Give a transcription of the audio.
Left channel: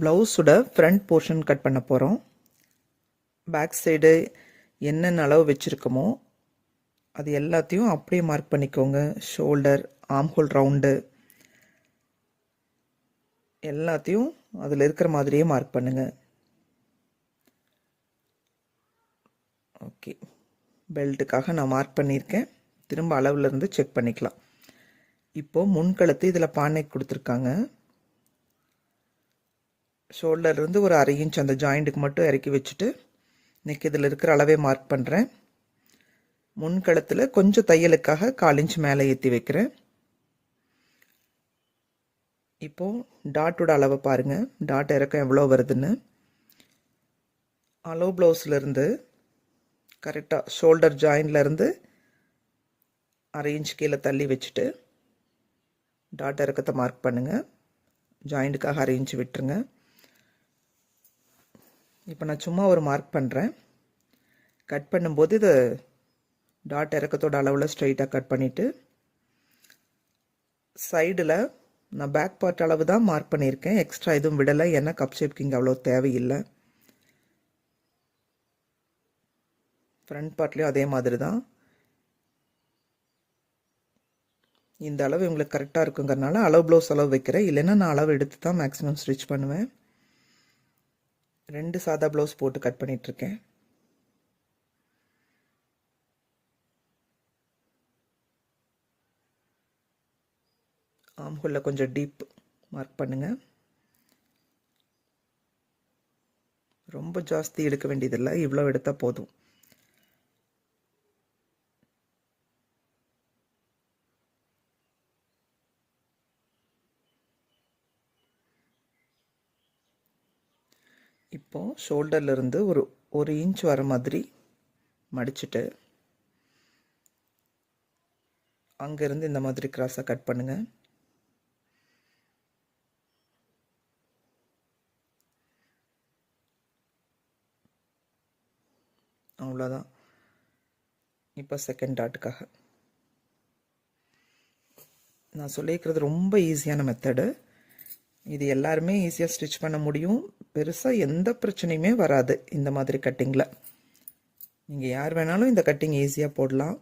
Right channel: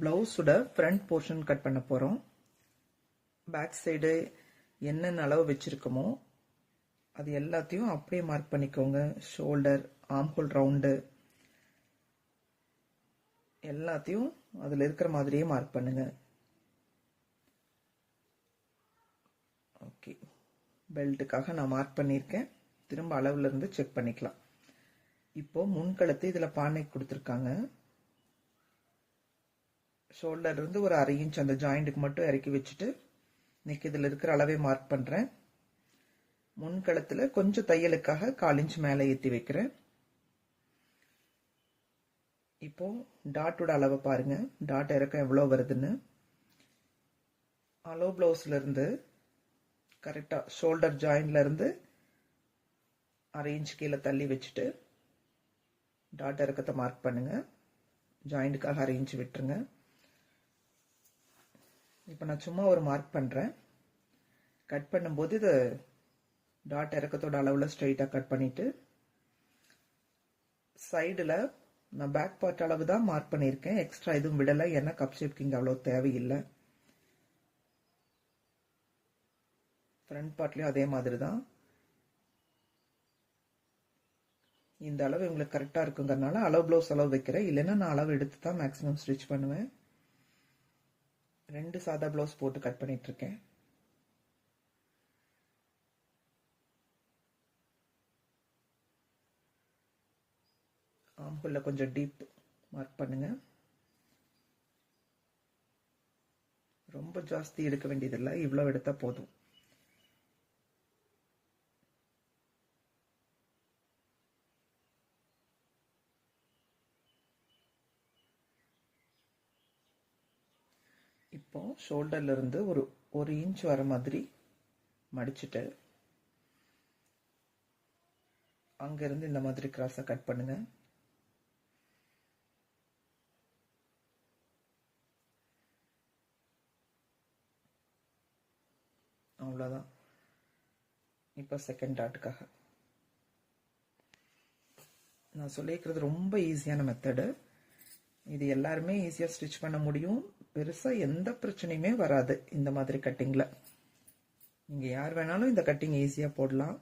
ப்ளவுஸோட front portion cut பண்ண போகிறோம். பேக் சைடு என்னென்ன அளவு வச்சுருக்கோமோ அது எல்லாத்தையும் அப்படியே மார்க் பண்ணிக்கோங்க. ஷோல்டர், ஆம்ஹோல் ரவுண்டு எல்லாத்தையும் அதில் இருக்கிற மாதிரியே மார்க் பண்ணுங்கள். ஓகே, பெல்ட்டுக்காக நான் மார்க் பண்ணியிருக்கேன். திரும்ப அளவுலேருந்து செக் பண்ணிக்கலாம். இப்போது முன்கழுத்து இதில் பானை கொடுத்துருக்காங்க. ஷோல்டர்லேருந்து ஒரு 1/2 இன்ச் அந்த ஜாயிண்ட்டுக்கு மட்டும் இறக்கி வச்சுட்டு இன்றைக்கி இதில் இருக்கிற அளவே மார்க் பண்ணுறேன். முன்கழுத்தில் கொஞ்சம் தையலுக்காக 1/4 இன்ச் மேலே ஏற்றி வைக்கிறேன். இப்போது டாட்டோட அளவை பாருங்கள். டாட் இறக்கம் எவ்வளோ வருதுன்னு. அலோ ப்ளவுஸ்லேருந்து கரெக்டாக ஷோல்டர் ஜாயின்லேருந்து 1/2 இன்ச் கீழே தள்ளி வச்சுட்டு டாட் இறக்கத்தை மார்க் பண்ணுங்கள். ஜாயிண்ட்டுக்காக 1/2 இன்ச் விட்டுருங்க. இப்போ நான் சும்மா ஒரு மார்க் பண்ணுறேன். கட் பண்ணும்போது இதை டாட் இறக்கத்தோட அளவில் ஸ்ட்ரைட்டாக கட் பண்ணிவிட்டு சைடில் நான் பேக் பார்ட் அளவு தான் மார்க் பண்ணியிருக்கேன். எக்ஸ்ட்ரா எதுவும் விடலை, ஏன்னா கப் ஷேப்க்கு இங்கே அவ்வளோ தேவையில்லை. ஃப்ரண்ட் பார்ட்லேயும் அதே மாதிரி தான். இந்த அளவு உங்களுக்கு கரெக்டாக இருக்குங்கிறனால அளவு ப்ளவுஸ் அளவு வைக்கிறேன். இல்லைன்னா நான் அளவு எடுத்து தான் மேக்ஸிமம் ஸ்டிச் பண்ணுவேன். 2 சாதா ப்ளவுஸ் போட்டு கட் பண்ணிகிட்ருக்கேன். ஆம்ஹோலில் கொஞ்சம் டீப் மார்க் பண்ணுங்கள். ரொம்ப ஜாஸ்தி எடுக்க வேண்டியதில்லை, இவ்வளோ எடுத்தால் போதும். இப்போது ஷோல்டர்லேருந்து ஒரு 1 இன்ச் வர மாதிரி மடிச்சுட்டு அங்கேருந்து இந்த மாதிரி கிராஸாக கட் பண்ணுங்கள். அவ்வளோதான். இப்போ செகண்ட் டாட்டுக்காக நான் சொல்லியிருக்கிறது ரொம்ப ஈஸியான மெத்தடு. இது எல்லாருமே ஈஸியாக ஸ்டிச் பண்ண முடியும். பெருசாக எந்த பிரச்சனையுமே வராது இந்த மாதிரி கட்டிங்கில். நீங்கள் யார் வேணாலும் இந்த கட்டிங் ஈஸியாக போடலாம்.